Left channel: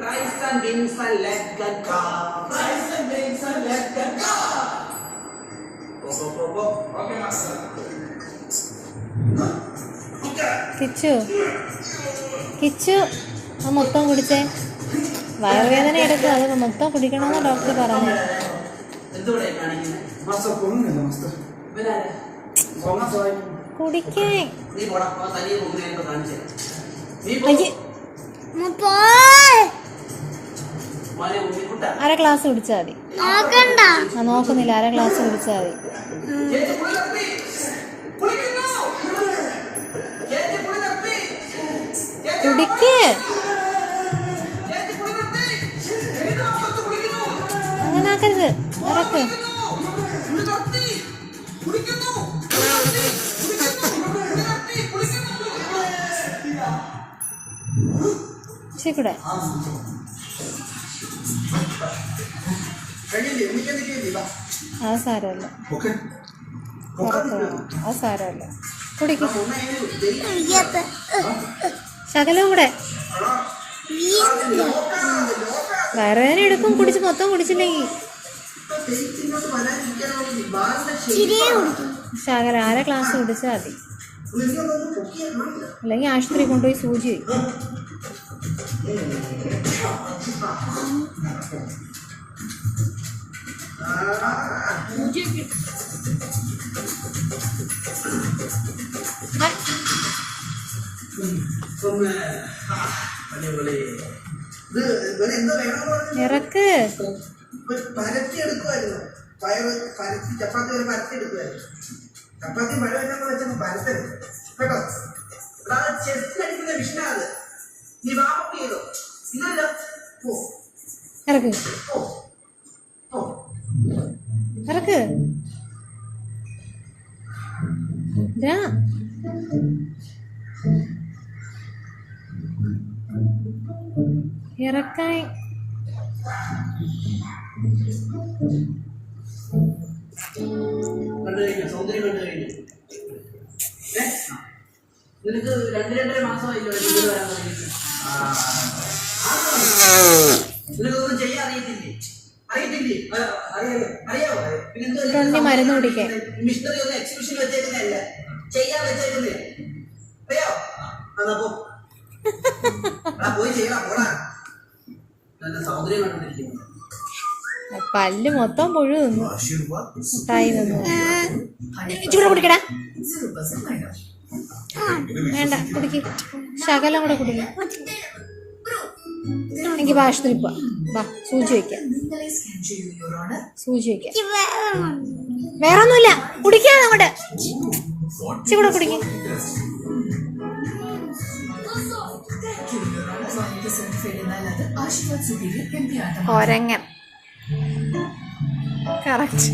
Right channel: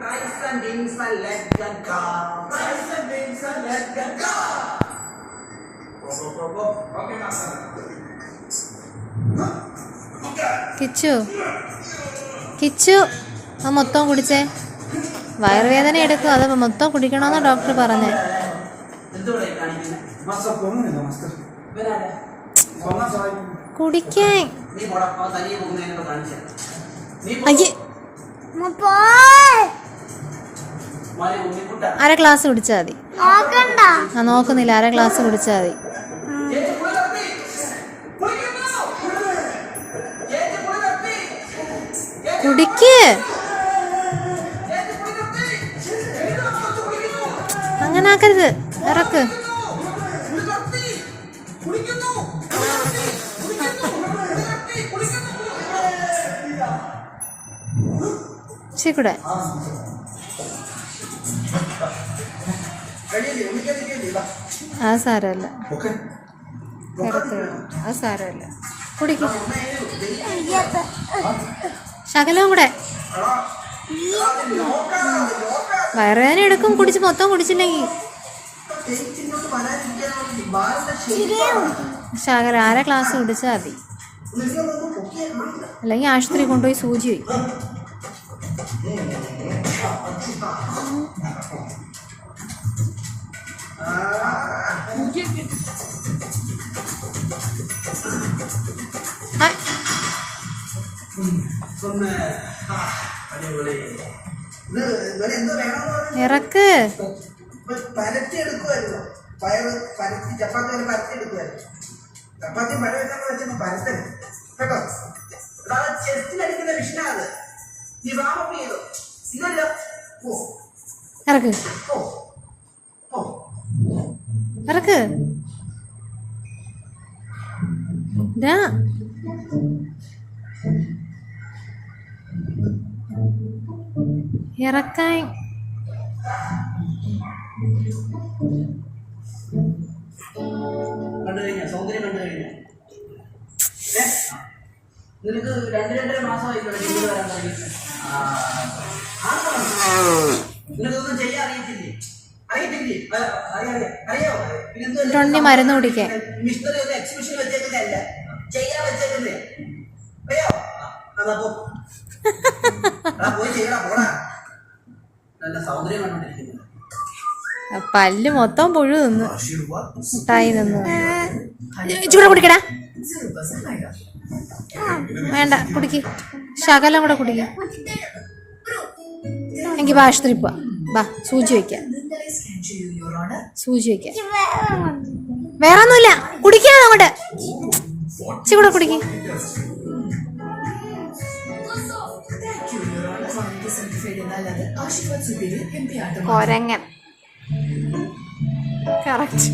Rice and beans and leg and car. Rice and beans and leg and car. Okay, master. Kichu Kichu ആ മൊത്തം കുടിച്ചേ. വയറുവേദന എടുക്കും, അത് മൊത്തം കുടിക്കണമെന്ന് ഡോക്ടർ പറഞ്ഞു. കുടിക്കാൻ അര ഗ്ലാസ് കുടിച്ചാൽ മതി. നോക്കുന്നില്ല, അര ഗ്ലാസ് കുടിച്ചാൽ മതി. കുടിക്ക്, അങ്ങനെ ആക്കരുത്, ഇറക്ക്. ശരിക്കൂടെ അത് സാരമല്ല, അത് സാരമല്ല. കുടിക്ക്, ശകലവും കൂടെ. വയറുവേദന എടുക്കും കുടിച്ച് മൊത്തം കുടിച്ചില്ലെങ്കിൽ. ശകലം അര ഗ്ലാസ് കുടിച്ചാൽ മതി, അല്ലെങ്കിൽ ആശുപത്രി കൊണ്ടുപോയി സൂചി വയ്ക്കും. ഇറക്ക്. പരത്തി എടുക്കുമായിരുന്നു, പയറ് പരത്തി ചപ്പാത്തി പോലെ പരത്തി എടുക്കുമായിരുന്നു. ചപ്പാത്തി മഴ വരുന്ന വെച്ചൊന്ന് പരത്തരുത് കേട്ടോ. ചെസ്റ്റിലടിക്കുന്ന വിഷനാണ്. നീ വാമപ്പ് ചെയ്തോ, ഇതല്ല. ഇറക്ക്, ഇറക്ക്. ഇറക്കാൻ കണ്ടു കഴിഞ്ഞ സൗന്ദര്യം കണ്ടു കഴിഞ്ഞ നിനക്ക് 2-2.5 മാസമായില്ലോ വരാൻ തുടങ്ങിയിട്ട്. നിനക്കൊന്നും ചെയ്യാൻ അറിയത്തില്ലേ? അറിയത്തില്ലേ? അറിയാവോ? പിന്നെ മരുന്ന് കുടിക്കാൻ മിസ്റ്ററി ഒന്ന് എക്സിബിഷൻ വെച്ചേക്കുന്നതല്ല, ചെയ്യാൻ വെച്ചേക്കുന്നേ. അറിയാവോ? അതപ്പോ പോയി ചെയ്യണം. പോടാ, നല്ല സൗന്ദര്യം കണ്ടോണ്ടിരിക്കുന്നു. പല്ല് മൊത്തം പുഴു തിന്നു, മുട്ടായി തിന്നു. ചൂടെ കുടിക്കടാ. വേണ്ട, കുടിക്ക്, ശകലം കൂടെ കുടിക്ക. എനിക്ക് ആശുപത്രി പോവാ, ബാ സൂചി വയ്ക്കാം, സൂചി വയ്ക്കാം. വേറെ ഒന്നുമില്ല, കുടിക്കാ അങ്ങോട്ട്. കൂടെ കുടിക്ക്. കൊരങ്ങൻ കറക്റ്റ്.